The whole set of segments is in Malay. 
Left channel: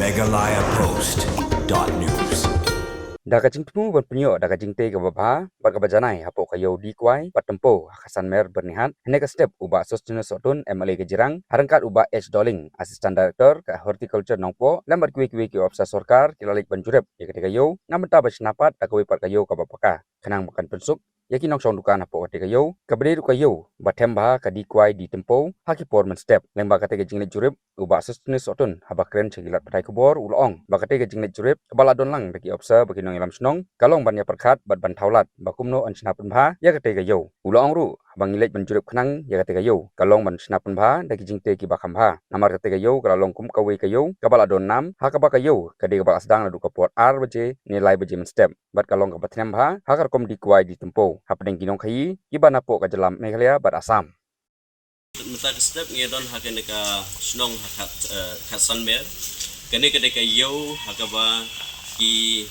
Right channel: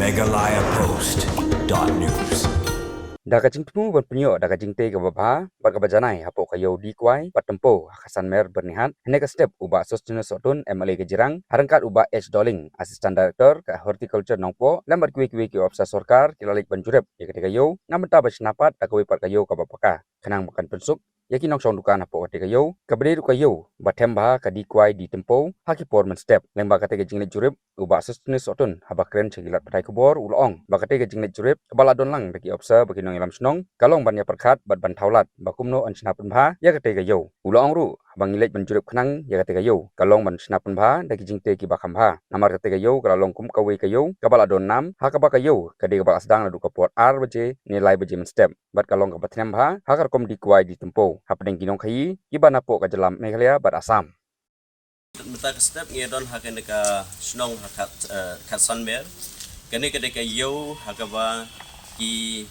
MeghalayaPost.news. Daga Thmu Pynioh Jingtei ke babha bagabajanai hapo kayo di Kwai Tympew Hasan Mer bernihat hendak step uba sostina sotun MLA ke jirang harangkat uba H Dolling Assistant Director ke Horticulture nongpoh lambat kuwi ke ofisa sorkar kilalik ban Jurip ya ketika yo ngamenta basnapat takwe pat kayo ke bapaka kenang makan pensuk yaki nong song dukan hapo ketika yo kabede kayo batemba ke di Kwai di Tympew haki porman step lembak ketika jinglet Jurip uba sostina sotun habakren cegilat patai kubor ulong bakate ke jinglet Jurip kebala donlang bagi ofisa bagi nong ilam senong kalong ban ya perkat bat ban taulat bakumno an snapen bha ya kate ga yo ulong ru bang ilek ban Jurip khnang ya kate ga yo kalong ban snapen bha dagi jingte ki bakam bha namar kate ga yo kalong kum kawe ga yo kabala don nam ha ka ba ga yo kade ga ba sedang la du kapot ar baje nilai baje men step bat kalong ka batnem bha ha kar kom di Kwai di Tympew ha pedeng kinong khai ibana po ka jalam Meghalaya bat Asam Mata step ngedon hakan deka snong hakat katsan mer kene kedeka yo hakaba ki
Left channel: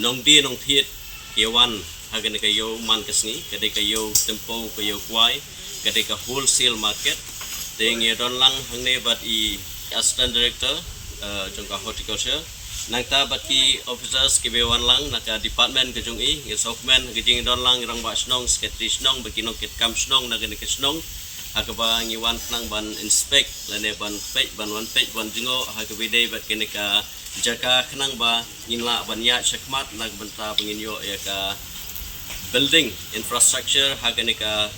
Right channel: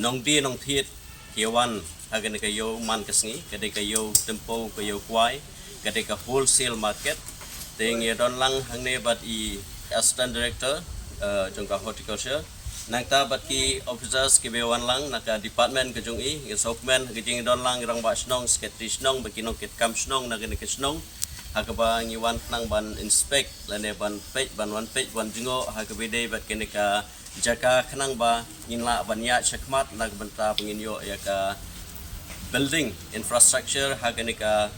nong di nong thiet kewan hakan deka yo man kesni kedeka yo Tympew ke yo Kwai kedeka wholesale market te ngedon lang hangne bat I assistant director jongka horticulture nangta bat ki officers ke bewan lang naka department ke jong I ngesokmen ke jing don lang rang ba snong secretary snong bakino ket kam snong naga ke snong hakaba ngiwan nang ban inspect lane ban page ban one page ban jingo hakabide bat keneka jaka khnang ba inla ban ya chakmat nag banta penginyo ya ka building infrastructure hakaneka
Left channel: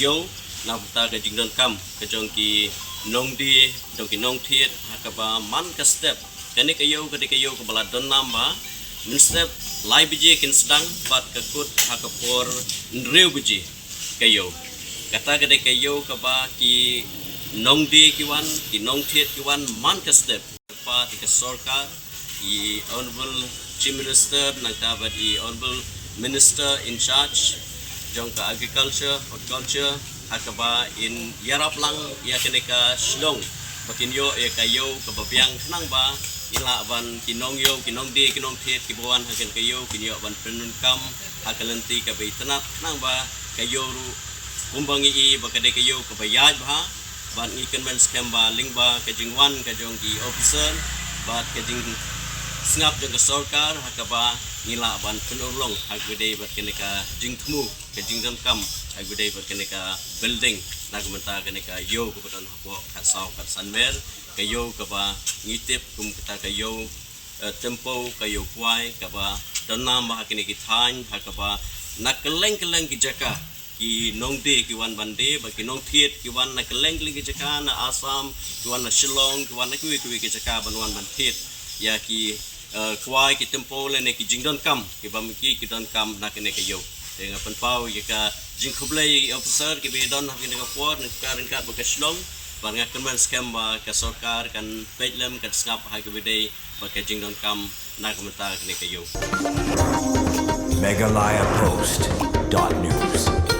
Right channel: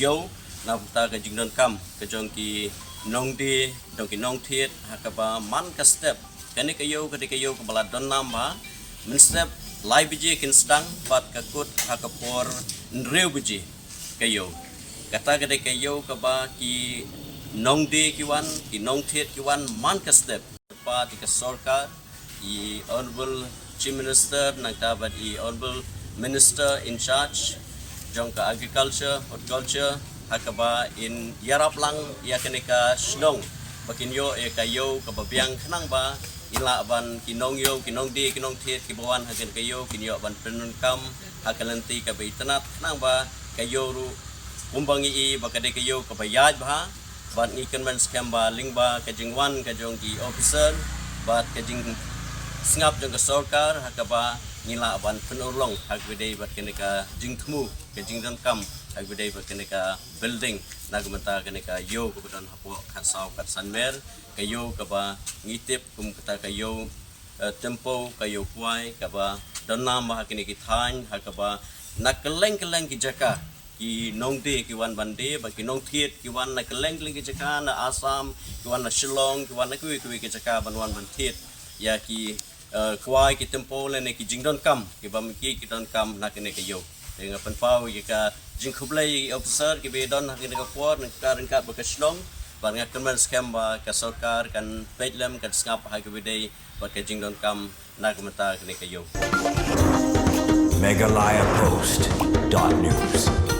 yo na banta ka jingdon kam ke jongki nongdi dongki nong thiet hakaba man ka step keneka yo ka bala don namba min step lai biji kin sedang bat ka kut hakapor nreu biji kayo kata gede kayo kaba ki nongdi kiwan ki nong thiet kiwan man ka step pa ti ka sorkar I honorable chief minister nangta ba I honorable minister in charge jongka agriculture horticulture hakaba in yarap lang ya keneka snong bakinyo e kayo kababyang khnang ba ila ban kinong yo kinong di kinong thiet kibawan hagen kayo kinyo ban penun kam hakalanti ka baitanat nang ba kayo ru umbangi I bakade kayo kabayaj ba ban ikan ban scam ba lingba kajingwan kajongki officer bat kajing singap jong ka sorkar hakaba ngila ban penulong hagbede bat keneka Thmu kajing dan kam hagbede bat keneka building nagmenta keneka yo kebetulan hapo katsau katsanmer kayo kaba ngitip kum kata kayo Tympew kayo Kwai kaba danam ba keneki than hakaba nakeleng-keleng ki jaka ki nongde ki wan bande ba ki nong thiet ki wan na keleng ki jaka na Assam ki wan na Shillong ki wan na kui ki jaka ban wan ban thiet ya ki Kwai ki Tympew le ne ki jingdon kam ki bam ki don kam na kene kayo dengan penpau ka jingkhublai officer ki be don hakin ka por na karingkat ba ka Shillong ban ngakan man scam ba ka sorkar kan pejlam kan skap ha ki bidai ba ka jingdon kam na kamenta kene kayo MeghalayaPost.news.